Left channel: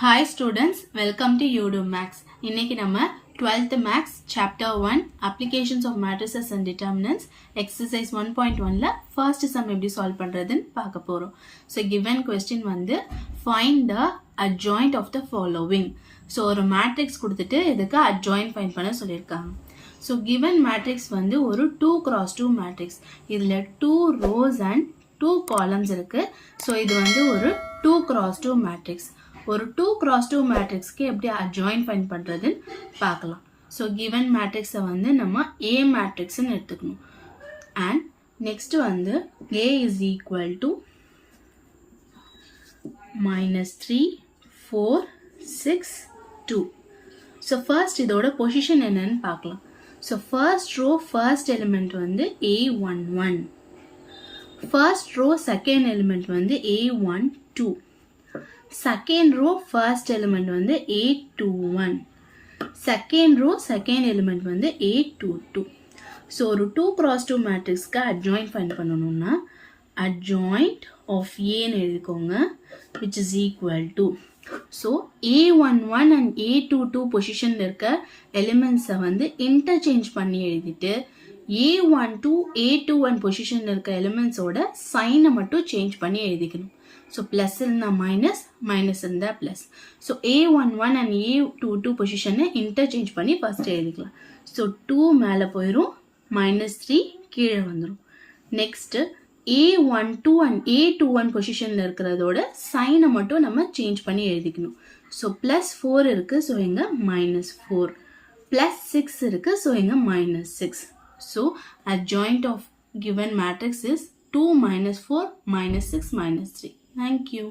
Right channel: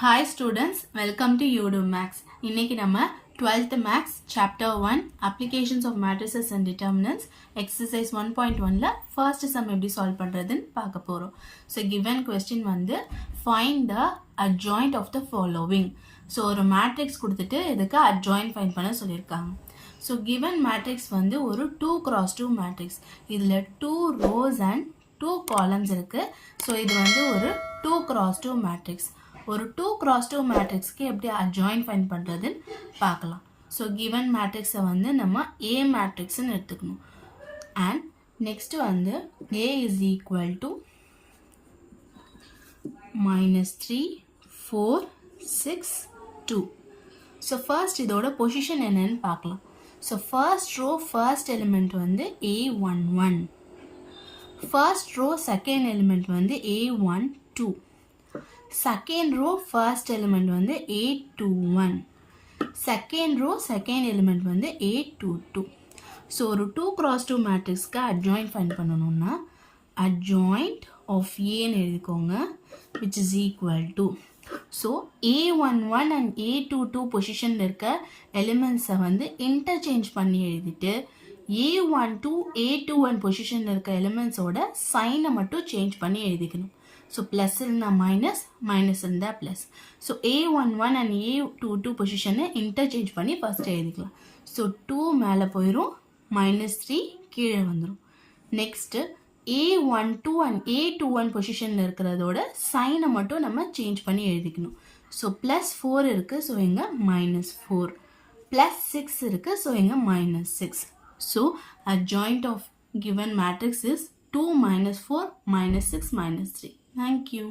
Hi students, welcome to Udo Max. இன்னைக்கு நம்ம 12th Max Chapter 1 Applications of Matrices and Determinants Exercise 1.1ல first sum எப்படி solve பண்றதுன்னு பார்க்க போறோம். So given question வந்து find the adjoint of the following. So ஒரு matrix கொடுத்துட்டு இதுக்கு adjoint find பண்ண சொல்லியிருக்காங்க. So given matrix வந்து ஒரு 2 cross 2 matrix. இதுல 2 rows and 2 columns இருக்கு. So இது வந்து ஒரு 2 cross 2 matrix. ஒரு 2 cross 2 மேட்ரிக்ஸ்க்கு எப்படி adjoint find பண்ணுறதுன்னு பார்க்கலாம். ஸோ given மேட்ரிக்ஸை வந்து நம்ம A மேட்ரிக்ஸ்ன்னு எடுத்துக்கணும். அண்ட் நெக்ஸ்ட் வந்து A is equal to -3 4 6 2. So first இதோட பொசிஷன் என்னன்னு பார்க்கலாம். So first row first element வந்து A11, first row second element வந்து A12, second row first element வந்து A21, second row second element வந்து A22. so ஒரு 2 cross 2 matrixக்கு adjoint find பண்ணணும்னா adjoint of A ன்னு எழுதிக்கோங்க, which is equal to so A11 and A22 பொசிஷன்ல இருக்க எலிமெண்ட்ஸை வந்து இன்டர்சேஞ்ச் பண்ணி எழுதிட்டு A12 A21 பொசிஷன்ல இருக்க எலிமெண்ட்ஸோட சைனை மட்டும் சேஞ்ச் பண்ணி எழுதிக்கணும். So plus இருந்தா minus, minus இருந்தா plus. So A11 and A22 position interchange பண்ணி first எழுதிக்கலாம். So 2 மேல போயிரும், -3 கீழே வந்துரும். Next A12 and A21 பொசிஷன்ல இருக்கிறதோட சைனை மட்டும் நம்ம சேஞ்ச் பண்ணி எழுதிக்கணும். So plus 4 இருக்கு, so எங்க -4. plus 6 இருக்கு, so எங்க -6. So adjoint of given matrix is 2 -4 -6 -3. Thank you.